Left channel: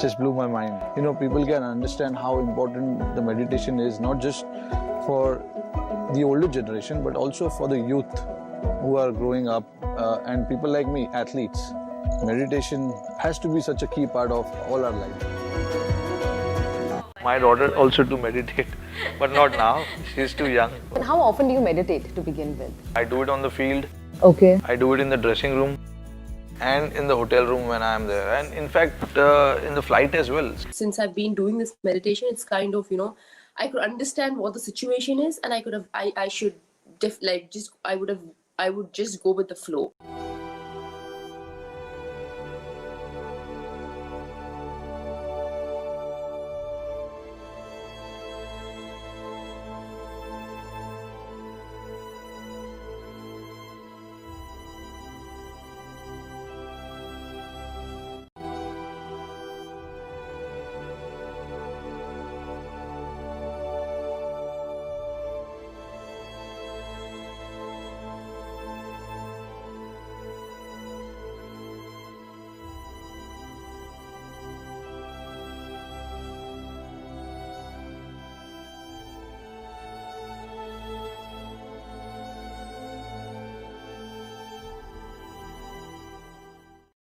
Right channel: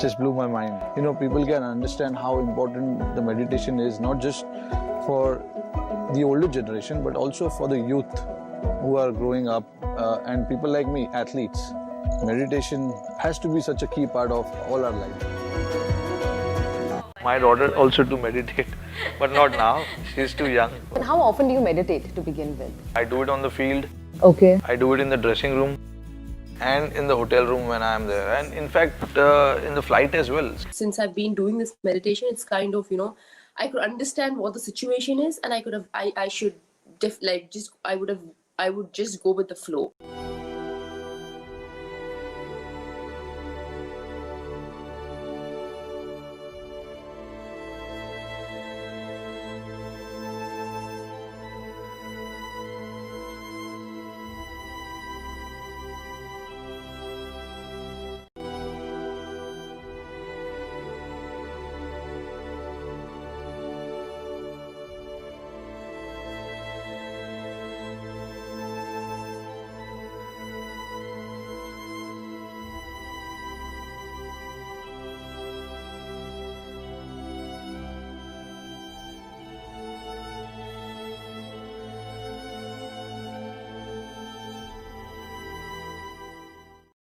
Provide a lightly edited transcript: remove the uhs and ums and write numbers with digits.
just blew my mind. People can understand how important the meditation is, not just for the older generation, but also for the youth who are growing up and people like me, athletes. Meditation has to be such a key part of all our life. My daughter also to meditate, but not now. She's too young. And how often do you meditate to begin with? I do it on the field. Okay. I do it in the dressing room and in the hotel room when I am there, and in fact in the flight as well. Since I've been doing this meditation, it's kind of, I could understand what the situation is, and I would just go with the flow.